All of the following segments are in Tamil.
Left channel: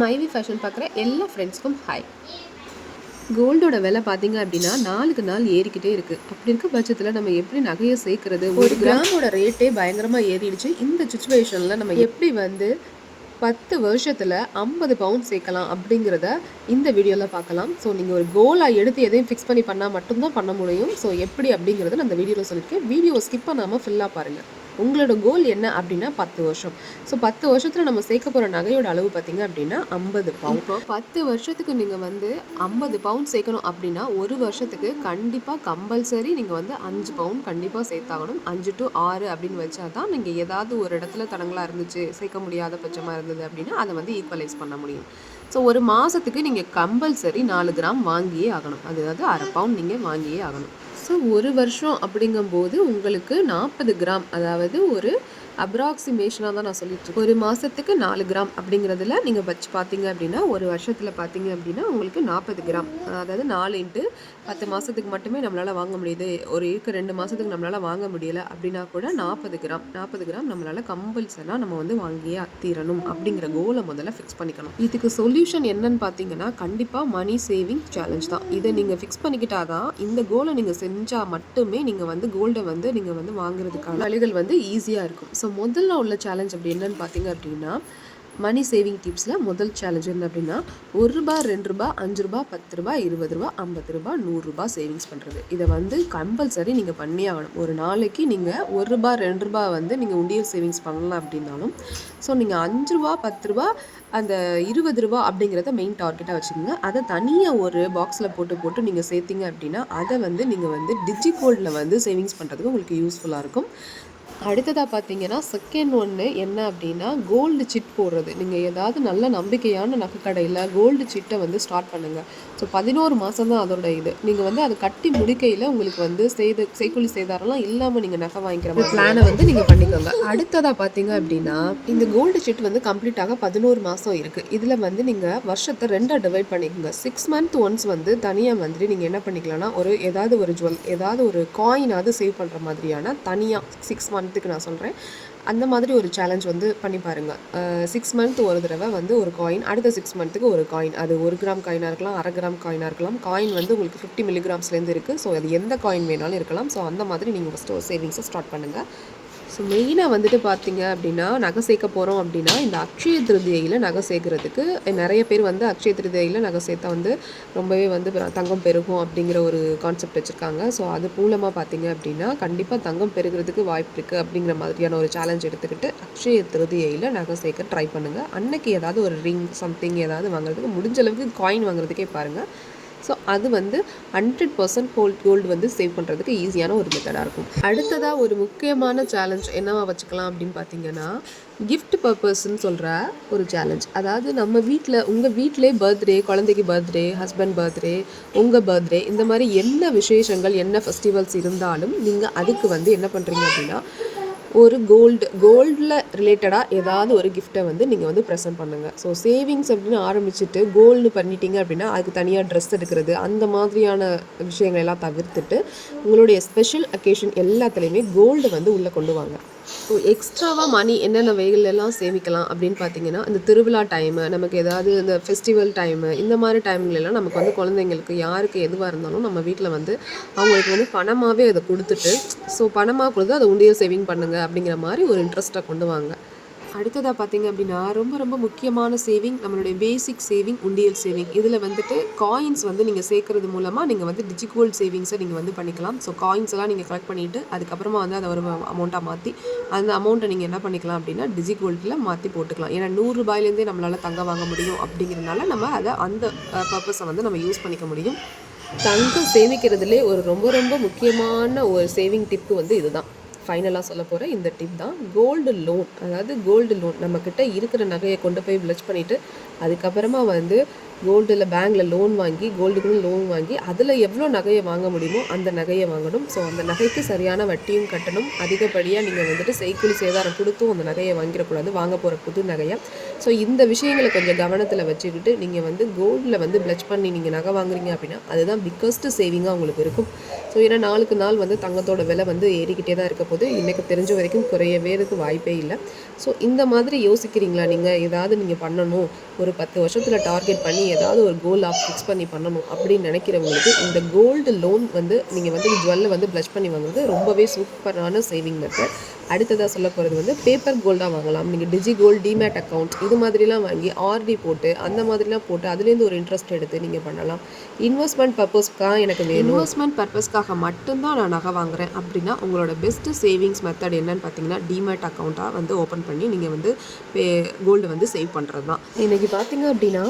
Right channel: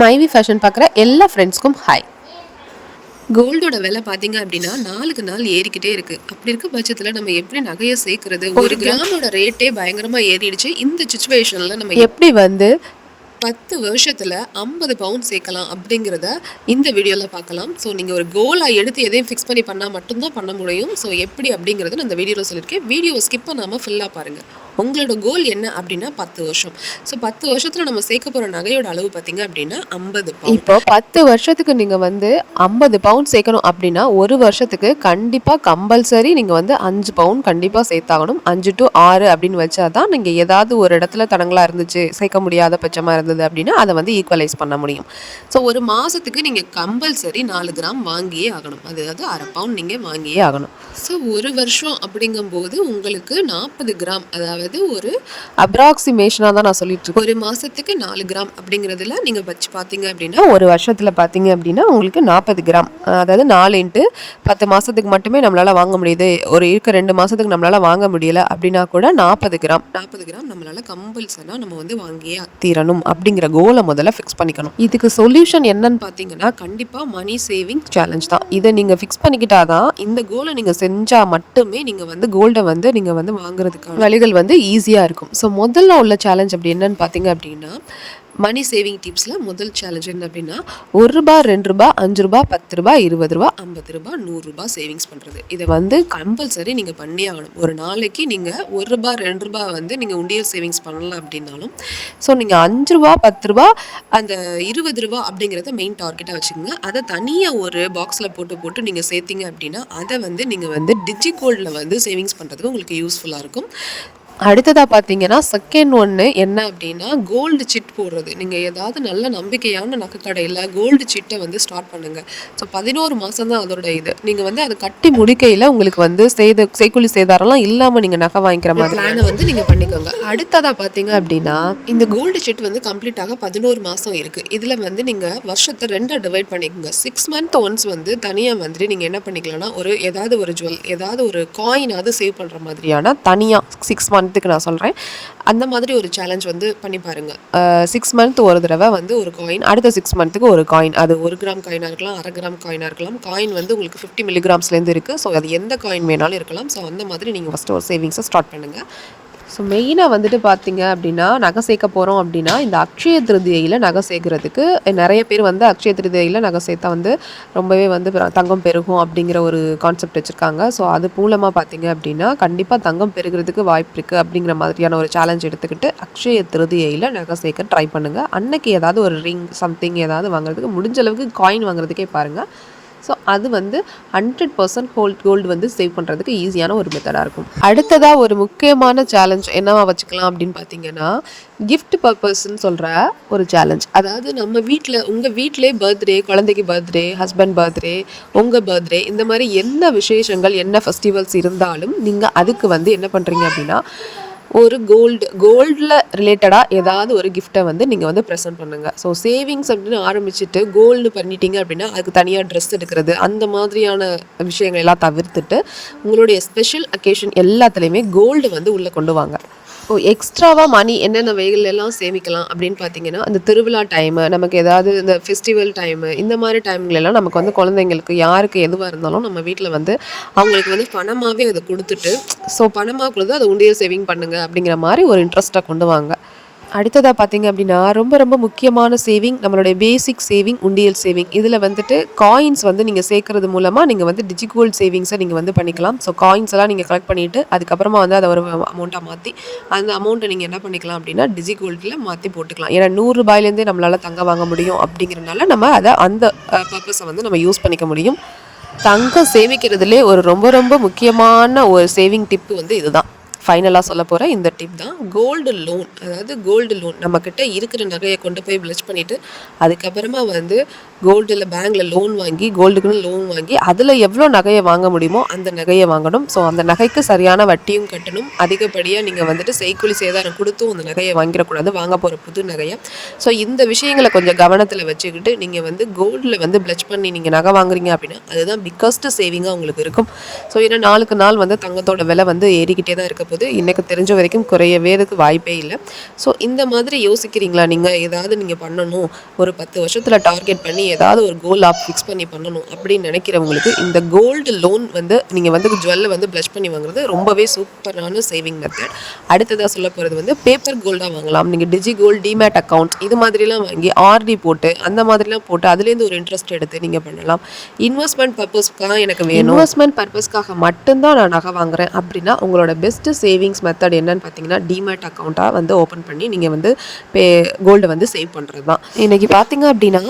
மைவி ஃபேஷன் பார்க்குற எல்லா ஃப்ரெண்ட்ஸ்க்கும் ஹாய். கோல்டோட விலை பார்த்தீங்க அப்படின்னா நாளுக்கு நாள் ஏறிக்கிட்டே இருக்குது. அப்படி இருக்க பட்சத்தில் நம்ம எப்படி நகையை சேர்க்கறது? ஒரு கிராமோட ரேட்டே பயங்கரமாக ஏறிடுச்சு. இந்த சுச்சுவேஷனில் நம்ம எப்படி 10 வருஷத்தில் 50 பவுண்ட் சேர்க்கலாம் அப்படிங்கிறத இந்த வீடியோவில் பார்க்கலாம். ஸோ நீங்கள் ஒரு கோலாக எடுத்து எதையும் ஃபிக்ஸ் பண்ணி பண்ணால் மட்டும்தான் பண்ண முடியும். ஸோ எப்படி அப்படிங்கிறத நான் இந்த வீடியோவில் சொல்லியிருக்கேன். வீடியோவை ஸ்கிப் பண்ணாமல் ஃபுல்லாக பாருங்கள். உங்களோட கோல் என்ன அப்படின்னா 10 வருஷம். ஸோ 10 வருஷத்தில் நம்ம சேர்க்க போகிற நகையோட அளவு பார்த்தீங்க அப்படின்னா 50 பவுண்ட். இப்போ 10 வருஷத்துக்கு நீங்கள் 50 பவுண்ட் சேர்க்கணும் அப்படின்னா ஒரு வருஷத்துக்கு கண்டிப்பாக கம்பல்சரி நீங்கள் 5 பவுண்ட் கண்டிப்பாக சேர்த்தாகணும். 5 to 6 அப்படின்னு வச்சா தான் நீங்கள் ஏதாவது ஒரு இடத்துல தடங்களாக இருந்துச்சு, சேர்க்க முடியாத பட்சமாக இருந்தது அப்படின்னா அதை ஈக்குவலைஸ் பண்ண முடியும். ஸோ ஒரு மாதத்துக்கு நீங்கள் கம்பல்சரி 4 கிராம் வாங்கியே ஆகணும். அதாவது அரை பவுண்ட் நீங்கள் வாங்கியே ஆகணும். ஸோ ஒரு வருஷம் அப்படிங்கும்போது உங்களுக்கு 40 கிராம், அதாவது ஒரு அப்ராக்சிமேஷனாக தான் நான் சொல்லிட்டு இருக்கேன். ஒரு மாதத்துக்கு 4 கிராம் அப்படிங்கிறதுல நீங்கள் வச்சு பார்த்தீங்க அப்படின்னா ஒரு வருஷத்தில் பார்த்தீங்க அப்படின்னா உங்களுக்கு 40 கிராம், அதாவது 4 into 10 மாதத்துக்கு மட்டுமே நம்மளால் வாங்க முடியுது, ஒரு 2 மாதத்துக்கு நம்மளால் வாங்க முடியலை அப்படின்னா கூட 40 கிராம் நம்மளால் கம்பல்சனாக நம்ம வாங்கியே தீரணும் அப்படிங்கிற கோலை முதல்ல ஃபிக்ஸ் பண்ணிக்கணும். இதுக்கு சொல்யூஷன் என்னன்னு பார்த்தீங்கன்னா கண்டிப்பாக மணி சேவிங் சேலஞ்ச் தான். இதை நீங்கள் ஃபிக்ஸ் பண்ணிக்கிட்டாதான் இந்த கோலை நீங்கள் செஞ்சால் மட்டுமே நீங்கள் கோல்டை நீங்கள் வாங்குறதுக்கான வழிகள் ஈஸியாக இருக்கும். ஸோ முதல்ல உள்ள சேலஞ்ச் அப்படி என்னன்னு பார்த்தீங்க அப்படின்னா மணி சேவிங் டிப்ஸில் முதல் சேலஞ்ச் என்ன அப்படின்னா ₹1, ₹2, ₹5, ₹10, ₹20, ₹50, ₹100 சேவிங்ஸ் பண்ணுறது. இதை கம்பல்சரி நீங்கள் பண்ணி ஆகணும். ஒரு நாளைக்கு நீங்கள் ₹1, ₹2 நீங்கள் உண்டியல் சேவிங்ஸ் பண்ணலாம் அப்படின்னாலும் ஸோ நீங்கள் ₹5, ₹10, அந்த ₹20 அப்படிங்கிறத மெயின் டார்கெட்டாக வச்சுக்கோங்க. அதை தனியாக ஒரு பாக்ஸில் போட்டு நீங்கள் சேர்த்திங்க அப்படின்னா அதை நீங்கள் டிஜிகோல்டில் சேவிங்ஸ் பண்ணுறதுக்கு உங்களுக்கு யூஸ்ஃபுல்லாக இருக்கும். அடுத்ததாக பார்த்தீங்கன்னா செகண்ட் ஒன்று என்ன அப்படின்னா கோல்டு சிட் போடுறது. நீங்கள் ஏதாவது நல்ல நம்பிக்கையான நகைக்கடையில் கோல்டு சிட்டை ஸ்டார்ட் பண்ணுங்கள். ஸோ 11 மாதம் தான் அதோட இது. நீங்கள் அதை கட்டி முடிக்கையில் உங்களுக்கு செய்கூலி சேதாரம்லாம் இல்லாமல் நீங்கள் நகை வாங்கிக்கிற மாதிரி பிளானை நீங்கள் பண்ணிக்கோங்க. அடுத்ததாக பார்த்தீங்க அப்படின்னா இந்த கோல்டு சிட் கம்ப்ளீட்டாக 11 மாதம் இருக்குது. இதில் நீங்கள் வருஷத்தை 2 டிவைட் பண்ணிக்கோங்க. 6 month ஒன்ஸ் தனியாக நீங்கள் என்ன பண்ணிக்கலாம்னா ஏதாவது ஒரு ஜுவல், ஏதாவது ஒரு காயினாவது சேவ் பண்ணுற மாதிரியான தனியாக 6 month நான் சொல்கிறேன். அந்த மாதிரி ஒரு சேலஞ்ச் பண்ணி பாருங்கள். 6 month ஒரு தடவை ஒரு காயின், அடுத்த 6 monthக்கு ஒரு காயின். அது 1 கிராம் காயினாக இருக்கலாம், அரை கிராம் காயினாக இருக்கலாம். காயின் உங்களுக்கு 50 மில்லிகிராம்ஸ்லேருந்து இருக்குது. ஸோ அது எந்த காயின் வேணாலும் இருக்கலாம். ஸோ அந்த மாதிரி நீங்கள் ஃபஸ்ட்டு ஒரு சேவிங்ஸை ஸ்டார்ட் பண்ணுங்கள். ஸோ மெயினாக பார்த்தீங்க அப்படின்னா நகை சேர்க்க போகிறோம் அப்படின்னா இந்த அக்ஷய திருதியையில் நகை சேர்க்குறதுக்கு நிறைய பேர் அக்ஷய திருதியையில் நகை சேர்த்தா ரொம்பவே தங்கம் பெருகும் அப்படிங்கிற ஒரு கான்செப்ட் வச்சுருக்காங்க. ஸோ அது மூலமாக பார்த்தீங்க அப்படின்னா கண்டிப்பாக தங்கம் பெருகிறதுக்கு வாய்ப்பு இருக்குது அப்படிங்கிற மாதிரியான ஒரு சேலஞ்ச் எடுத்துக்கிட்டு அக்ஷய திருதியையில் நகை சேர்க்க ட்ரை பண்ணுங்கள். அன்னைக்கு ஏதாவது ஒரு ரிங் சம்திங் ஏதாவது வாங்குறதுக்கு முடிஞ்ச அளவுக்கு காயின் வாங்குறதுக்கே பாருங்கள். ஸோ அது 100% கோல்டு சேவ் பண்ணுறதுக்கு ஈஸியான ஒரு மெத்தடாக இருக்கும். அடுத்ததாக ஒரு முக்கியமான சேலஞ்ச் என்னவா வச்சுக்கலாம் அப்படின்னு பார்த்தீங்கன்னா கிஃப்ட் பர்பஸ்ன்னு சொல்கிற ஒரு சேலஞ்ச். அதாவது நம்ம வீட்டில் உங்கள் வீட்டிலே பர்த்டே, குழந்தைக்கு பர்த்டே, ஹஸ்பண்ட் பர்த்டே, உங்கள் பர்த்டே, இந்த மாதிரி என்ன விசேஷங்கள் என்ன ஃபெஸ்டிவல்ஸ் இருந்தாலும் நீங்கள் அதுக்கு என்ன பண்ணுறீங்க அப்படின்னா ஒரு கோல்டில் ரிலேட்டடாக ஏதாவது ஒரு கிஃப்ட்டை நீங்கள் ப்ரெசென்ட் பண்ணுங்கள். ஸோ சேவிங்ஸ் அப்படின்னு ஆரம்பிச்சுட்டு கோல்டு பண்ணிட்டீங்க அப்படின்னா அதுக்கு தனியாக ட்ரெஸ் எடுக்கிறது அந்த மாதிரியான விஷயங்கள் எல்லாம் தவிர்த்துட்டு உங்களுடைய ஸ்பெஷல் அக்கேஷன் எல்லாத்துலேயுமே கோல்டு உள்ளே கொண்டு வாங்க. ஸோ எக்ஸ்ட்ராவாக மணி என்னென்ன வகைகளெல்லாம் சேமிக்கலாம் அப்படின்னு பார்த்தீங்கன்னா அந்த திருவிழா டைமு, நமக்கு ஏதாவது இந்த ஃபெஸ்டிவல் டைமு, இந்த மாதிரி டைம்களெல்லாம் நமக்கு குழந்தைங்களுக்கு யாருக்கு எதுவாக இருந்தாலும் நம்ம வீட்டில் அவங்களுக்கு பணமாகவே அதை கொடுத்துட்டு ஸோ பணமாக கொடுத்து அதை உண்டியல் சேவிங் பண்ணுங்கள் அப்படிங்கிற மாதிரி ஒரு இன்ட்ரெஸ்ட்டாக கொண்டு வாங்க. அடுத்ததாக பார்த்தீங்க அப்படின்னா ரொம்ப ரொம்ப முக்கியமான சேவிங் நம்மளுடைய பேசிக் சேவிங் உண்டியல் சேவிங். இதில் காயின்ஸ் நீங்கள் சேர்க்கறது மூலமாக நீங்கள் டிஜிகோல்ட் சேவிங்ஸை நீங்கள் பண்ணிக்கலாம். ஸோ காயின்ஸ் எல்லாம் நீங்கள் கலெக்ட் பண்ணிவிட்டு அதுக்கப்புறமா அதை ஒரு அமௌண்ட்டாக மாற்றி அந்த அமௌண்ட்டை நீங்கள் என்ன பண்ணிக்கலாம் அப்படின்னா டிஜிகோல்டில் மாற்றி போட்டுக்கலாம். ஏன்னா ₹100 நம்மளால் தங்கம் வாங்க முடியும் அப்படிங்கிறதுனால நம்ம அதை அந்த பர்பஸை நம்ம யூஸ் பண்ணிக்க முடியும். தங்கம் சேமிக்கிறதுலே ஒரு ரொம்ப ரொம்ப முக்கியமான ஒரு சேவிங் டிப்பு இதுதான். ஃபைனலாக சொல்ல போகிற இந்த டிப் தான் கோல்டு லோன். அதாவது கோல்டு லோன் நம்மக்கிட்ட இருக்கிற நகையை கொண்டு போய் பிளச் பண்ணிவிட்டு அதுக்கப்புறமா கோல்டில் பேங்க்கில் லோன் வாங்கி கோல்டுக்குன்னு லோன் வாங்கி அதில் எவ்வளோ நகையை வாங்க முடியுமோ அந்த நகையை வாங்கணும். ஸோ அந்த நகைக்கு சரியான வட்டியும் கட்டணும். அதிகப்படியாக நீங்கள் செய்கூலி சேதாரம் கொடுத்தும் அந்த நகையை வாங்கிடக்கூடாது, வாங்க போகிற புது நகையை. ஸோ இந்த விஷயங்களை கொஞ்சம் கவனத்தில் வச்சுக்கிட்டு நீங்கள் கோல்டில் பிளச் பண்ணி நீங்கள் நகை வாங்குறீங்க அப்படின்னா அதுதான் பிக்கஸ்ட் சேவிங்காக உங்களுக்கு இருக்கும். ஸோ ஏன்னா நாளுக்கு நாள் தங்கத்தோட விலை ஏறிக்கிட்டே தான் இருக்க போகுது. போது எனக்கு தெரிஞ்ச வரைக்கும் குறையவேறதுக்கு வாய்ப்பே இல்லை. ஸோ இந்த மாதிரி யோசிக்கிறீங்களா நீங்கள்? ஏதாவது நீங்கள் பண்ணணும், ஒரு 10 வருஷத்தில் டார்கெட் பண்ணி ஏதாவது ஒரு கோல் ஃபிக்ஸ் பண்ணி பண்ணணும் அப்படின்னு நினைக்கிறவங்களுக்கு இந்த கோல்டு லோன் வந்து நீங்கள் வந்து ஜுவல்லை வந்து ப்ளஷ் பண்ணி வாங்குறது ரொம்பவே சூப்பரான சேவிங் மெத்தட். அடுத்ததாக சொல்ல போகிறது வந்து பேப்பர் கோல்டாக வாங்கலாம். நீங்கள் டிஜி கோல்டு, டிமேட் அக்கௌண்ட் இது மாதிரிலாம் வாங்கி ஆர்டி போட்டு அந்த மாதிரிலாம் போட்டு அதுலேருந்து ஒரு இன்ட்ரெஸ்ட் எடுத்து நீங்கள் பண்ணலாம். இன்வெஸ்ட்மெண்ட் பர்பஸ்க்காக எனக்கு வேணும், இன்வெஸ்ட்மெண்ட் பர்பஸ்க்காக மட்டும்தான் நான் நகை வாங்குறேன் அப்படின்னா உங்களோட பெஸ்ட்டு சேவிங்ஸ் மெத்தட் என்னன்னு பார்த்தீங்கன்னா டிமேட் அக்கௌண்ட்டாக வந்து ஓப்பன் பண்ணி நீங்கள் வந்து கோல்டை வந்து சேவ் பண்ணுறது தான். இன்றைக்கி பார்த்தீங்க அப்படின்னா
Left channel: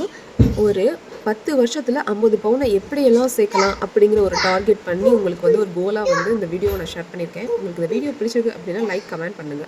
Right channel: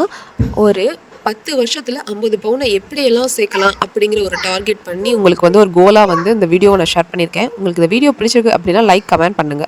ஒரு 10 வருஷத்தில் 50 பவுனை எப்படியெல்லாம் சேர்க்கலாம் அப்படிங்கிற ஒரு டார்கெட் பண்ணி உங்களுக்கு வந்து ஒரு கோலாக வந்து இந்த வீடியோவை நான் ஷேர் பண்ணியிருக்கேன். உங்களுக்கு இந்த வீடியோ பிடிச்சிருக்கு அப்படின்னா லைக், கமெண்ட் பண்ணுங்கள்.